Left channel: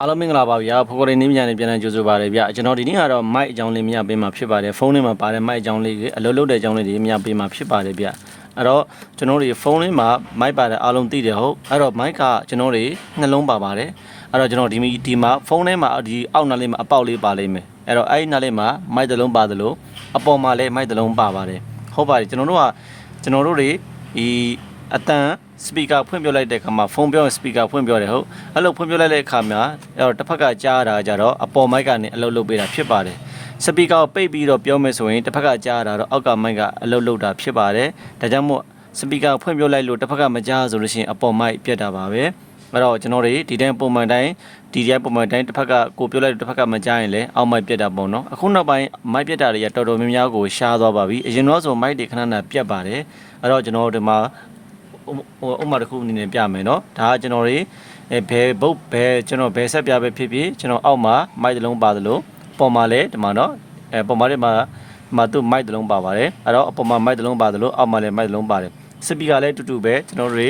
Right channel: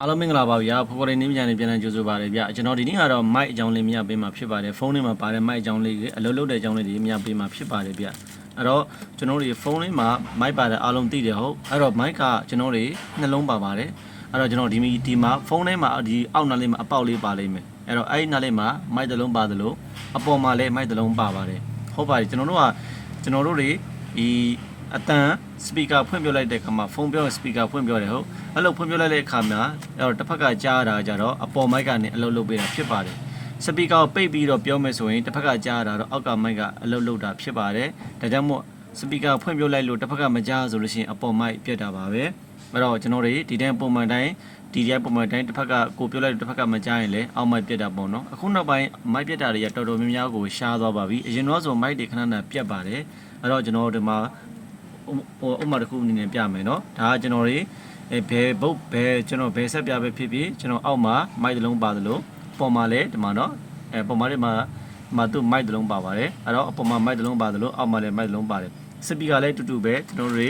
အားလုံးမင်္ဂလာပါဗျာဖိုကိုရီနင်းမြန်နေပြန်လည်ကြိုဆိုပါရဗျာကျွန်တော်ဒီနေ့ကတော့ mic အကြောင်းလေးမြပေးမှာဖြစ်ပါတယ်ဖုန်းထဲမှာပါတဲ့ mic အကြောင်းလေးတွေအလုပ်လုပ်တဲ့အကြောင်းလေးတွေမြပေးမှာဖြစ်ပါတယ်ဗျာအဲ့တော့ကျွန်တော်တို့ဖုန်းလေးမှာ mic ပါတယ်အားလုံးသိတယ်ဟုတ်အဲ့တော့ mic ကကျွန်တော်တို့နှလုံးပါပါတယ်အဲ့တော့ကျွန်တော်ဒီမီဒီမှာဖုန်းထဲမှာဒီအောက်နားလေးမှာအပေါက်လေးပါလိမ့်မယ်အဲ့တော့အဲ့ဒီနားလေးမှာ mic တစ်လုံးပါတယ်လို့အပေါ်မှာလည်း mic တစ်လုံးပါပါတယ်ဟုတ်ပါတယ်ကျွန်တော်တို့ကကျွန်တော်တို့တွေဒီ အတန်စပီကာဖွင့်ပြလိုက်တဲ့အခါမှာဖုန်းပြောစပီကာဖွင့်ပြောတယ်ဟုတ်အဲ့လိုဖွင့်ပြလိုက်တဲ့အခါမှာအဲ့တော့တစ်ဖက်ကကြားရတာကြတော့အပေါ်မိုက်ကနေအလုပ်လုပ်ပေးတာဖြစ်ပါတယ်စပီကာကိုပိတ်ပြီးတော့ပြောမယ်ဆိုရင်တစ်ဖက်ကကြားရတာတော့အောက်ကမိုက်ကအလုပ်လုပ်တာဖြစ်ပါတယ်ဒါကြောင့်မို့စပီကာဖွင့်ပြလိုက်လို့တစ်ဖက်ကမကြားဆိုလို့ရှိရင်အပေါ်မိုက်ပြတ်တာပါပဲအဲ့တော့ကျွန်တော်တွေဒီတိုင်းပုံမှန်တိုင်းဒီတိုင်းပုံမှန်တိုင်းတစ်ဖက်ကကိုပြောလိုက်တစ်ဖက်ကမကြားရင်လည်းအောက်မိုက်ပြတ်တာပေါ့နော်အခုနောက်ပိုင်းမိုက်ပြတ်တာတွေကတော်တော်များများကိုရှားသွားပါပြီအရင်တော့ဆိုမိုက်တွေခဏခဏပြတ်ပါတယ်အဲ့တော့ကျွန်တော်တို့ဒီမှာဟို ဥပမာတစ်ခုအနေနဲ့ပြမယ်เนาะဒါကကျွန်တော်တွေအဲဘယ်ဘုတ်ဘယ်ကျွန်တော်ဘယ်ဆက်ပြပဲဖြစ်ဖြစ်ကျွန်တော်အောက်မှာမိုက်တစ်လုံးပါသလိုပေါ်မှာလည်းဒီမှာเนาะအဲပေါ်မှာဒီမှာဒီမှာသူမိုက်တစ်လုံးပါပါတယ်အဲ့တော့အပေါ်မှာမိုက်တစ်လုံးပါသလိုအောက်မှာလည်းမိုက်တစ်လုံးပါတယ်စပီကာလည်းတူတူပဲကျွန်တော်တို့တွေ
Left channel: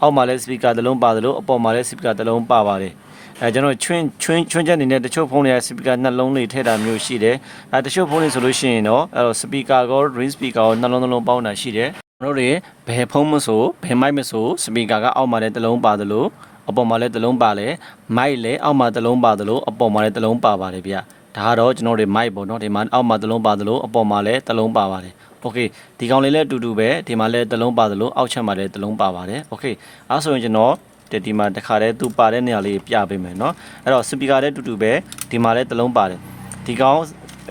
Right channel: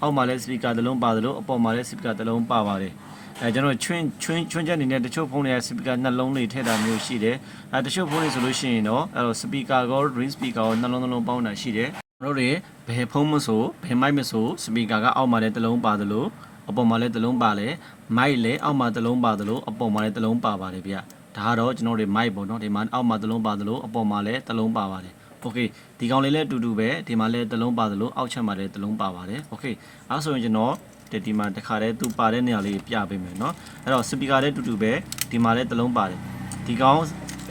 အောက်မှာလည်းစပီကာတစ်လုံးပါသလိုအပေါ်မှာလည်းစပီကာတစ်လုံးပါပါတယ်အဲကျွန်တော်ချွင်းချွင်းချွင်းချက်နေတဲ့တချို့ဖုန်းတွေကစပီကာနှလုံးလေးထည့်တာမျိုးရှိတယ်အဲတချို့ဖုန်းတွေဆိုလို့ရှိရင်တော့အဲတော့စပီကာကော ring speaker ကောနှလုံးနှလုံးပေါင်းတာရှိတယ် ကျွန် တော်တို့တွေဘယ်ဖုန်းမဆိုဘယ်မိုက်မဆိုစပီကာကအောက်မှာလည်းတစ်လုံးပါသလိုအပေါ်မှာလည်းတစ်လုံးပါလေမိုက်လည်းအောက်မှာတစ်လုံးပါသလိုအပေါ်မှာလည်းတစ်လုံးပါပါတယ်ဗျဒါကတော့ကျွန်တော်တို့မိုက်ပေါ့နော်ဒီမှာအောက်မှာတစ်လုံးပါသလိုအပေါ်မှာလည်းတစ်လုံးပါပါတယ်โอเคဒီကောင်လေးလည်းအတူတူပဲဒီမှာလည်းတစ်လုံးပါသလိုအောက်ချက်မှာလည်းတစ်လုံးပါပါတယ်โอเคအဲဆိုရင်ကျွန်တော်ဒီဒီမှာတစ်ခါတည်းသူပါတဲ့နေရာလေးပြပေးမယ်เนาะအဲ့တော့စပီကာလည်းအတူတူပဲဒီမှာလည်းတစ်လုံးပါတယ်ဒီကောင်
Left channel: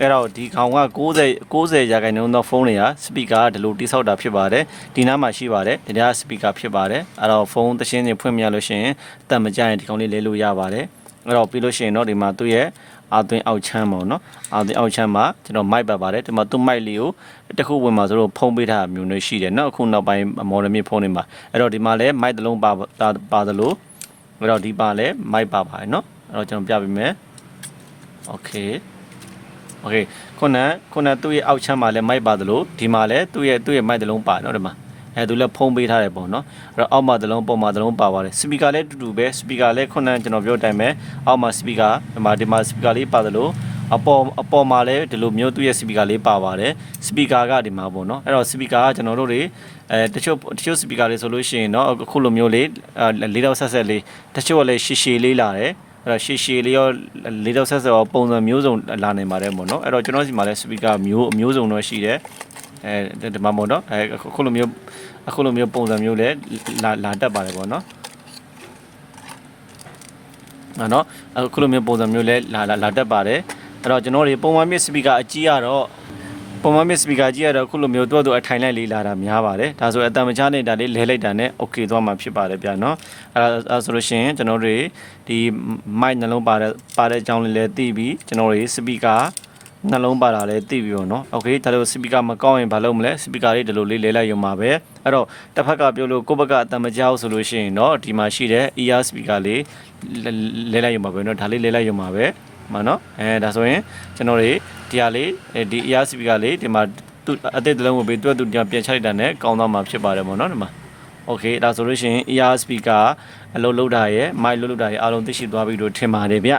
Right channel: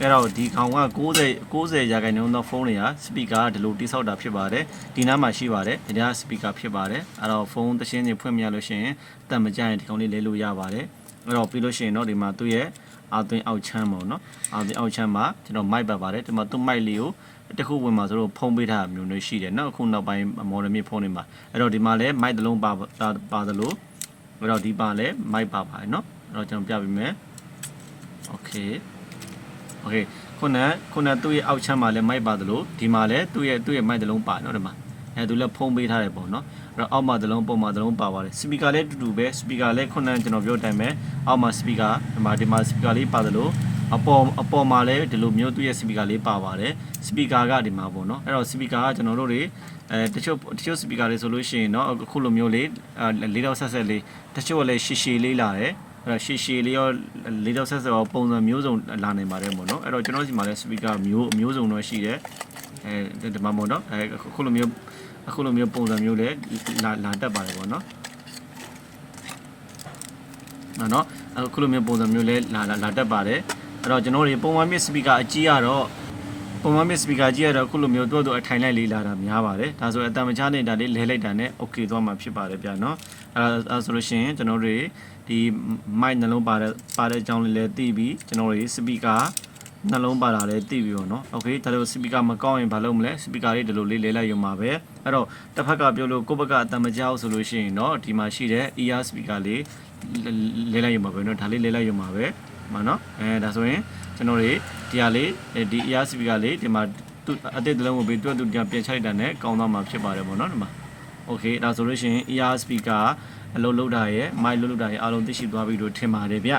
အဲ့တော့ဒီကောင်က60 60ရာခိုင်နှုန်းသောဖုန်းတွေကစပီကာကဒီလိုတိဆောက်တာဖြစ်ပါတယ်ဒီနားမှာရှိပါတယ်ဒီနားစပီကာဖြစ်ပါတယ်အဲ့တော့ဖုန်းသရှင်းတွေဖွင့်ပြလို့ရှိရင်အသက်မကြရင်ဒီကောင်လေးလဲလို့ရပါတယ်အဲ့တော့ပြီးလို့ရှိရင်တော့ဒီမှာသူ့ရဲ့အာသွင်းအောက်ချမ်းပေါ့နော်အာသွင်းအောက်ချမ်းမှာကျွန်တော်မိုက်ပတ်ပါတယ်ဒီမှာသူ့မိုက်လေးကိုတစ်ခုဝင်မှာဆိုတော့ဖုံးပေးထားတာမျိုးမျိုးရှိတယ်เนาะအခုနောက်ပိုင်းမော်ဒယ်မြေဖုန်းတွေမှာအဲ့တော့ဒီမှာလဲမိုက်တစ်လုံးပါပါသလိုအဲ့တော့ဒီပါလဲမိုက်ပါပါတယ်เนาะအဲ့တော့ကျွန်တော်ပြပေးမယ်โอเค โอเคခုနကခုနကသူ့ရဲ့အောက်ချမ်းမှာလည်းမိုက်ပါသလိုဒီမှာလည်းသူ့ရဲ့သူ့ရဲ့မိုက်တစ်လုံးပါနော်ဒီမှာအဲသူလည်းဖုံးပေးထားတယ်ပေါ့နော်အဲ့တော့အောက်မှာတစ်လုံးပေါ်မှာတစ်လုံးပါပါတယ်စပီကာလည်းအတူတူပဲစပီကာလည်းခုနကကျွန်တော်ပြောတဲ့အတိုင်းပဲအောက်မှာစပီကာဒီမှာဒီမှာစပီကာလေးပါသလိုအပေါ်အပေါ်မှာလည်းဒီလိုမျိုးသူ့ရဲ့စပီကာလေးပါပါတယ်စပီကာကဒီမှာပေါ့နော်အဲ့တော့စပီကာကကျွန်တော်တို့တွေအဲတချို့တချို့စပီကာလေးဆိုလို့ရှိရင်เนาะအခုလိုမျိုးလေးလေးတော့ဆက်ဆက်လေးတချို့ကလည်းရှည်ရှည်လေးလာတယ် အဲ့တော့ရှည်ရှည်လေးရောလေးတော့ဆက်ဆက်ရောပုံစံမျိုးစုံလာနေပါတယ်ပေါ့နော်အဲ့တော့ကျွန်တော်စီမှာလည်း speaker မျိုးအမျိုးစုံတော့ရှိတယ်အဲဒီမှာပေါ့နော်အဲအခုလိုမျိုးအခုလိုမျိုးပုံစံမျိုးလည်းလာလာတတ်ပါတယ်ပေါ့နော်နော်နော်အခုလိုမျိုးပုံစံမျိုးလည်းလာလာလာတတ်ပါတယ်အဲ့တော့ကျွန်တော်တွေပုံမှန်မြင့် speaker အကြီးကတော့ ပုံမှန်မြင့် speaker ကြီးရတော့အခုလိုမျိုးတော့တော့အထိုင်လိုက်လေးလာတာများပါတယ်ဒါဆိုအတန်မချနေတာလေးလဲလိုက်တာနဲ့ okay သွားမှာဖြစ်ပါတယ်ဗျာနော်အဲအဲဆိုလို့ရှိရင်ကျွန်တော်တို့ဒီ mic နှလုံးပါတဲ့ပါတဲ့အကြောင်းလေးလည်းသိပြီးကျွန်တော်တို့ speaker နှလုံးပါတာလည်းသိပြီးတော့เนาะ okay ဒါလို့ speaker မကောင်းရင်ဘာလုပ်မလဲ speaker လေးဒီလိုလေးလဲလိုက်ရုံပါပဲအဲ့တော့တစ်ဖက်ကပြောလို့ကိုယ့်ဘက်ကအတန်မကြောက်ဆိုလို့ရှိရင်เนาะဒီမှာရှိတဲ့ ear speaker လေးလဲလိုက်ရုံပါပဲเนาะဒါလေးလဲလိုက်ရုံပါပဲ မနော်အဲဒါဆိုရင်ကျွန်တော်တွေဒီဟာလေးဒီ ear speaker လေးဒီမှာသူအသစ်တစ်လုံးကိုပေးတွက်သူပြန်ပြန်ချလိုက်တာနဲ့ကောင်းသွားမှာဖြစ်ပါတယ်ပေါ့နော်ဒီမှာ okay ဒါဆိုလို့ရှိရင် ear speaker အလုပ်လုပ်တာရဲ့ mic လုပ်လုပ်တာရဲ့အားလုံးသိရှိသွားပြီလို့ထင်ပါတယ်ဗျ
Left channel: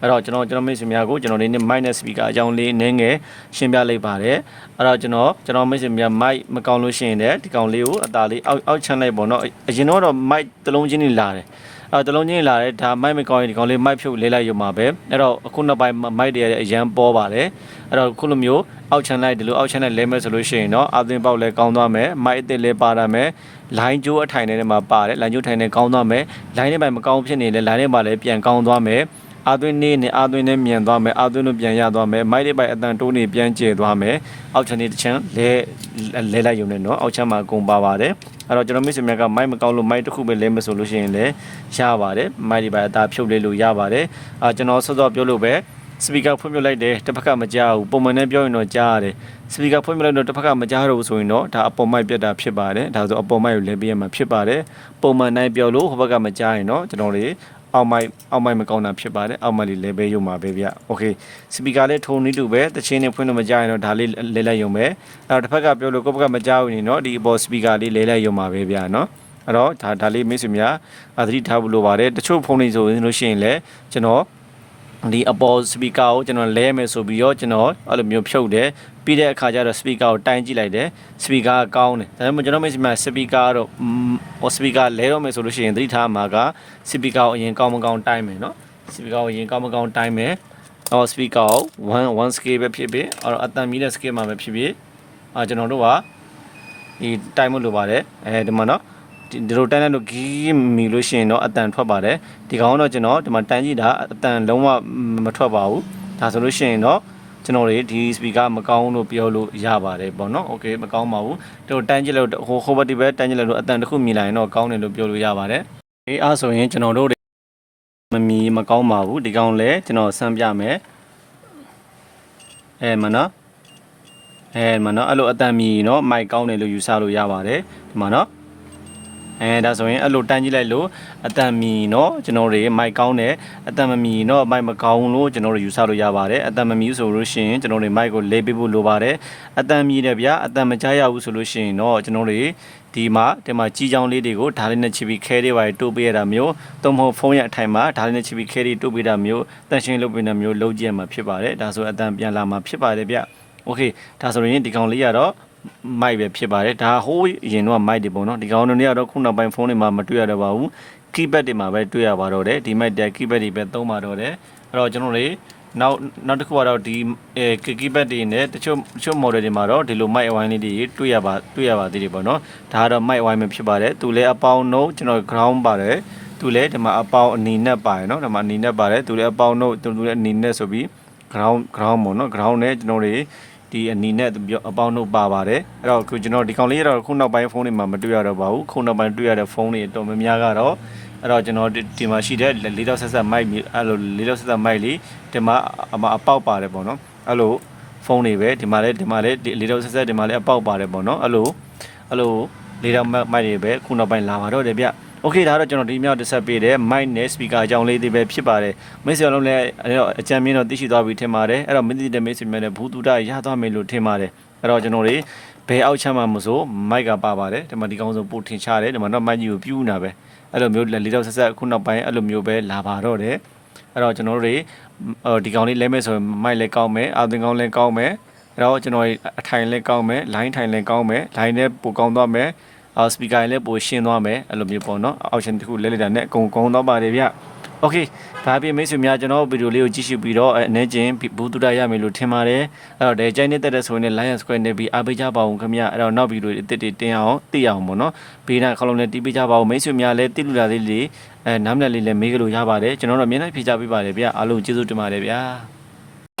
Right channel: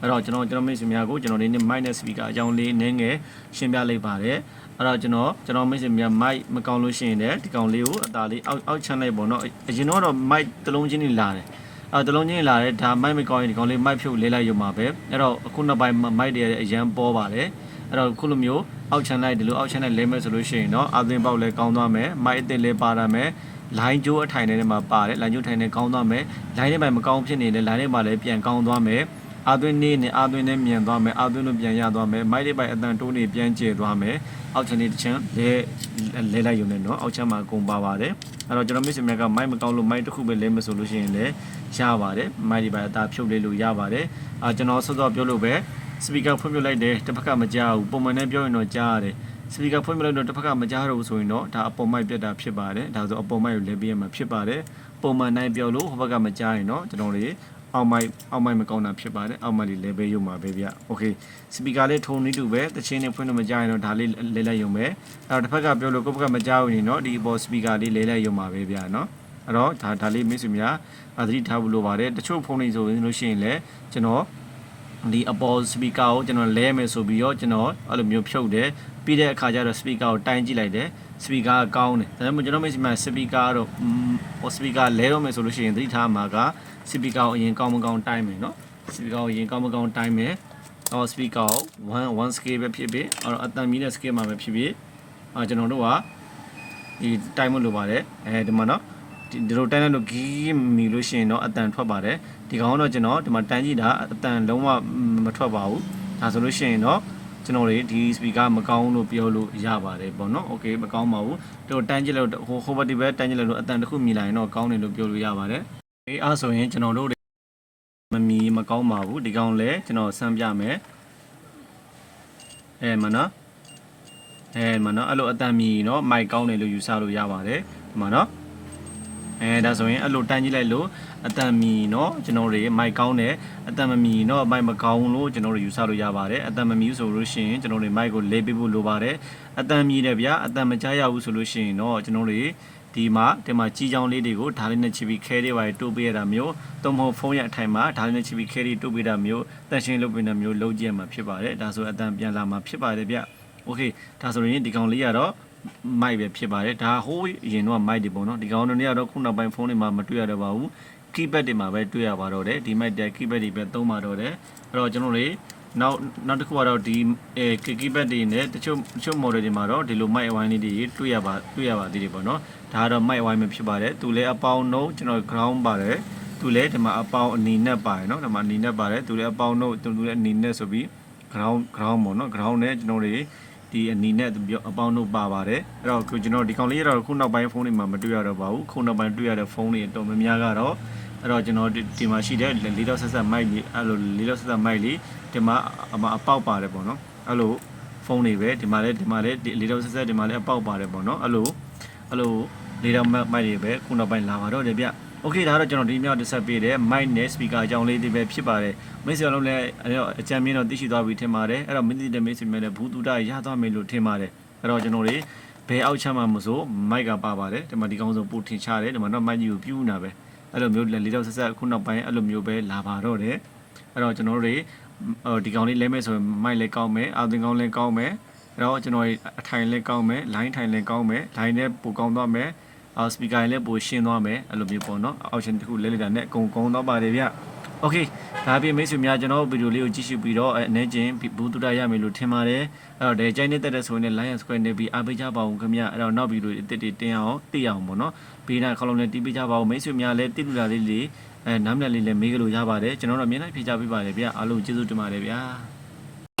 အဲ့တော့ကျွန်တော်ကျွန်တော်မိတ်ဆွေများကိုကျွန်တော်ဒီနေ့ mic နဲ့ speaker အကြောင်းလေးနည်းငယ်ရှင်းပြလိုက်ပါတယ်အဲ့တော့ကျွန်တော်ကျွန်တော်မိတ်ဆွေများ mic မကောင်းလို့ရှိရင်လည်းဒီကောင်လေးကိုအသာလေးအောက်အောက်ချမ်းလိုက်ပေါ့နော်အရင်တော့ mic တစ်လုံးချင်းနေလာတယ် အဲတလုံးချင်းလာတယ်ဒါမိုက်မကောင်းရင်ဒီကောင်လေးမိုက်ဖြုတ်လေးလိုက်ရုံပါပဲအဲ့တော့အခုနောက်ပိုင်းမိုက်တွေအရန်ပေါ်ပါတယ်အဲ့တော့ခုလိုမျိုးအောက်ချန်လိုက်ဒီလိုအောက်ချန်လိုက်လဲမဲ့ဆိုလို့ရှိရင်တော့အသွင်ပေါက်လဲကောင်းသွားမယ်မိုက်အစ်စ်လဲပါရမယ်လိုင်းကျိုးအထိုင်ထဲမှာပါတယ်လိုင်းကျိုးထိုင်ထဲကောင်းသွားမယ်လိုင်းထဲမှာမကောင်းဖြစ်နေလဲလိုင်းထဲမှာလည်းပြန်ကောင်းသွားမယ် အာသွင်းနေနဲ့အာသွင်းနဲ့မြန်သွားမယ်အာသွင်းလို့ပြန်ရသွားမယ်မိုက်တွေပိုက်အတန်တိုးနေပြန်ကျဲသွားမယ်အောက်ချန်နေတစ်ချမ်းလဲလဲလိုက်ရုံနဲ့နော်အောက်ချန်မှာအကုန်ပါပါတယ်အဲ့တော့ကျွန်တော်မိတ်ဆွေများကမိုက်မကောင်းလို့မိုက်တစ်ခုပဲလဲမဆိုလို့ရှိရင်လည်းရပါတယ်မိုက်တွေပိုက်အသာဖြုတ်လဲလို့ရပါတယ်အာကျွန်တော်ဆော့ဆော့ပြောလို့ပဲစပီကာဖွင့်ပြလိုက်တယ်တစ်ဖက်ကမကြားဘူးပုံမှန်နဲ့ပြောရင်တော့ကြားရတယ်စပီကာဖွင့်ပြလိုက်တော့တစ်ဖက်ကမကြားတော့ဘူးဆိုရင်တော့ဒါအပေါ်မိုက်ပြတ်တာဖြစ်ပါတယ်ဒါဆိုအပေါ်မိုက်ကိုလဲပေးရမှာဖြစ်ပါတယ်ပုံမှန်နိုင်ပြောလို့ဟိုဘက်ကမကြားရင်တော့ကျွန်တော်တွေ အောက်မိုက်အောက်မိုက်မကောင်းတာဖြစ်ပါတယ်အောက်မိုက်လေးလဲပေးရုံပါပဲဗျโอเคစပီကာလေးထုံနေတူပဲတချင်းနဲ့ဖွင့်လို့မကြားရင်တော့ဒါလေးလဲလိုက်ရုံပဲအဲ့တော့တစ်ဖက်ကပြောလို့ကိုယ့်ဘက်ကမကြားဘူးနေတော့ဒီအပေါ်စပီကာလေးလဲလိုက်ရုံပါပဲဗျเนาะโ အဲ့တော့ဒါဒါလေးမိတ်ဆွေများအသတိထားဖို့လိုပါတယ်တချို့ဖုန်းတွေဆိုရင်လို့ရှိရင်လည်းကျွန်တော် ဒီအပေါ် speaker ကိုကျွန်တော်လဲမယ်ဆိုပြီးတော့ကျွန်တော်အဲ့လိုမျိုးဖြုတ်တယ်ပြီးတဲ့အခါကျတော့ speaker ကိုတိုင်းကြည့်လိုက်တယ် speaker ကကောင်းတယ်ဒါပေမဲ့ကျွန်တော်မိတ်ဆွေများ speaker တော့ဟို speaker လဲတော့မယ်ဆိုလို့ရှိရင်သတိထားမှာက speaker ကိုအရင်ကောင်းမကောင်းတိုင်းမယ်နော် speaker ကိုအရင်ကောင်းမကောင်းတိုင်းမယ်အော် speaker ကို1 1 scale ပဲဖြစ်ဖြစ်အဲ့တော့အတန်မီတဲ့ scale မှာပဲဖြစ်ဖြစ်အာကျွန်တော်တို့ကဒီတိုင်းမှုလိုပါတယ်အဲဒီမှာနော် ဒီလိုတန်းတဲ့လို့ဂီးမီလို့ရှိရင်တော့အတန်ထွက်ပါတယ်ဒီကောင်တော့ကျွန်တော်ဒီမှာတန်းကြည့်တာအတန်လုံးဝမထွက်ပါဘူးဒါဆိုလို့ရှိရင်တော့ကျွန်တော်တွေဒီ speaker မကောင်းလို့ပြောလို့ရပါတယ်ပေါ့နော် okay မကောင်းပါဘူးတို့တန်းကြည့်လို့ဟို hover ဒီဘက်တန်းကြည့်လို့အတန်တစ်ခုမြင်လာရင်တော့ကောင်းတယ်လို့ပြောလို့ရပါတယ်အေးအားဆိုရင်ကျွန်တော်တို့မမီမကောင်းပါဘူးဒီကောင်လည်းကျွန်တော်ဆန်းပြမယ်အဲမနော်အဲမနော်အဲ့လိုအတန်မြင်ရင်တော့မိုက်ကောင်းတယ်လို့ယူဆလို့ရပါတယ်ဒီမှာနော် အဲဒါဆိုရင်အဲ့လိုတန်းကြည့်လိုက်လို့အတန်မီเนาะကျွန်တော်တွေမိုက်ကောင်းတယ်အတန်မမီเนาะမိုက်မကောင်းလို့ကျွန်တော်တို့ယူဆလို့ရပါတယ်အတန်မမီဆိုလို့ရှိရင်ကျွန်တော်တွေမိုက်ကိုလေးပေးဖို့လိုပါတယ်အတန်မီတယ်ဗျာအတန်မကြားရဘူးဆိုလို့ရှိရင်เนาะကျွန်တော်တွေဒီမှာဒီမှာကြီးချောင်းလေးတွေကိုဓာတ်လေးနဲ့ချစ်ပြီးခဲလေးပါတိုးပေးရတာမျိုးသို့မဟုတ်ဖုန်းရဲ့အထိုင်မှာဓာတ်လေးနဲ့ချစ်ပြီးခဲလေးတိုးပေးတာမျိုးတန်ရှင်းလုပ်ပေးတာမျိုးလုပ်ကြည့်ရမှာဖြစ်ပါတယ်ဒါဆိုအတန်ပြန်လာမှာဖြစ်ပါတယ်ဗျโอเคဒါဆိုရင်ဒီကောင်လေးကတော့ မိုက်ပဲဖြစ်ပါတယ်ဒါဟိုးအရင်တော့မိုက်တွေပေါ့နော်ဒီကောင်တို့တွေကတော့ခုနောက်ပိုင်းဖုန်းတွေမှာမတွေ့ရတော့ပါဘူး keypad တွေမှာပဲတွေ့ရပါတော့တယ်ဒီမိုက်တဲ့ keypad တွေပဲသုံးပါတော့တယ်အဲ့တော့ကျွန်တော်တွေနောက်နောက်တစ်ခုကတော့ဒီအဲ keypad တွေနဲ့တချို့တချို့ model တွေမှာတော့ဒီလို mic wine လေးတွေတွေ့ရပါတွေ့ရပါသေးတယ်ပေါ့နော်ဒါကတော့ mic wine ပဲဖြစ်ပါတယ်သူလည်းအပေါင်းနှုတ်ကျွန်တော် ground ပါတယ်သူလည်းဒီမှာအပေါင်းအနေနဲ့ပါတယ်နော်ဒီမှာအနေနဲ့ပါတယ်သူလည်းအပေါင်းနှုတ်သူလည်းအနေနဲ့ဆိုပြီး ground ground ပေါ့နော် ground နဲ့ကျွန်တော်တွေ ဒီအနီနဲ့အပေါင်းတို့ပါပါတယ်အဲ့တော့ခုကျွန်တော်ဒီကောင်လေးကတော့ခုနောက်ပိုင်းဖုန်းတွေမှာမတွေ့ရတော့ပါဘူးခုနောက်ပိုင်းတွေ့ရတဲ့ဖုန်းတွေအတော်များများကတော့အဲ့တော့ကျွန်တော်ဒီမှာရှိတဲ့လေးတော့ဆက်ဆက်မိုက်အဲ့လိုလေးတော့ဆက်ဆက်မိုက်လေးဒီမှာအမအပေါက်ပါတယ်ပေါ့နော်အဲ့လိုဖုန်းတွေပဲဒီမှာလည်းဒီမှာလည်းလေးတော့ဆက်ဆက်ဒီမှာလည်းအပေါက်ပါတယ်ပေါ့နော်အဲ့လိုအဲ့လိုလေးတော့မိုက်တွေပဲခုနောက်ပိုင်းလာပါတော့တယ်ဗျ Okay ဒါတော့ကျွန်တော်ဒီမြောက်တက်ဆက်ပေးတယ် mic နဲ့ speaker အကြောင်းလေးတွေပဲဖြစ်ပါတယ်မိတ်ဆွေလုံးလည်းအဲ့တော့အကြံမြင့်တော့သိရှိသွားပြီထင်ပါတယ်အဲ့တော့မင်းတိတဲ့မိတ်ဆွေများလည်းဘူးတူတာရသွားမယ်လို့ထင်ပါတယ်အဲ့တော့ကျွန်တော်တွေဘယ်အောက်ချမ်းမှမဆိုမိုက်ကပါပါတယ်ဒီမှာဒီကောင်းဆုံးပို့ထင်ချတယ်ဒီမှာတော့မိုက်ကြီးကိုပြူးနာပဲအဲ့လိုမျိုးလေးတော့ဆက်ဆက်ခုနောက်ပိုင်းအဲ့လိုမျိုးပဲလာပါတော့တယ်အဲ့တော့ကျွန်တော်တို့တွေဒီကောင်လေးလဲမဲ့ဆိုရင်မိုက်လည်းကောင်းမယ်အာသင်ကောင်းလည်းကောင်းမယ်အဲ့တော့ကျွန်တော်အထိုင်လည်းကောင်းမယ် line ထိုင်လည်းကောင်းမယ် line နဲ့ပိုကောင်းသွားမယ် အော်စပီကာလည်းပိုရှင်းသွားမယ်အဲ့လိုမျိုးပေါ့နော် option တစ်ခုလဲလိုက်တာနဲ့အကုန်ကုန်တော့ပါတယ်ဗျ Okay ဒါပြင်မိတ်ဆွေများကျွန်တော်ဗီဒီယိုလေးကိုကြည့်ရှုပြီးတော့အနေချင်းဘူးတူတာရမယ်လို့ထင်ပါတယ်အဲ့တော့ဒီကြိုက်နေတဲ့တဲ့ဆိုရင် Lion Square နဲ့ပြီးအားပေးကြပါအောင်ခင်ဗျအဲ့တော့နောက်ဗီဒီယိုအစ်စ်တွေတင်အောင်သိအောင်ပေါ့နော်ဘေးနာခေါလုံးနဲ့တီးပေးကြပါအောင်မိတ်ဆွေများလည်းတိလူလာလေးလေးအဲနားမလည်လေးလည်းမေးကြလို့ရပါတယ်ကျွန်တော်တို့အမြဲတမ်းဖြေကြပေးပါတယ်ဗျအားလုံးကျေးဇူးတင်ပါတယ်ဗျာ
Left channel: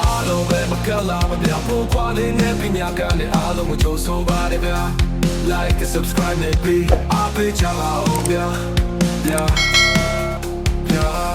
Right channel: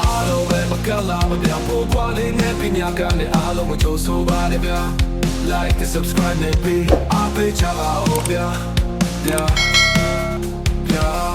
အားလုံးပဲမကလာမပြဖို့ခွာလေးနဲ့ပြညာကလည်းအားလုံးကိုကြိုးဆိုပါတယ်ဗျာ like and subscribe, maybe I'll be Java, oh yeah, yeah, yeah.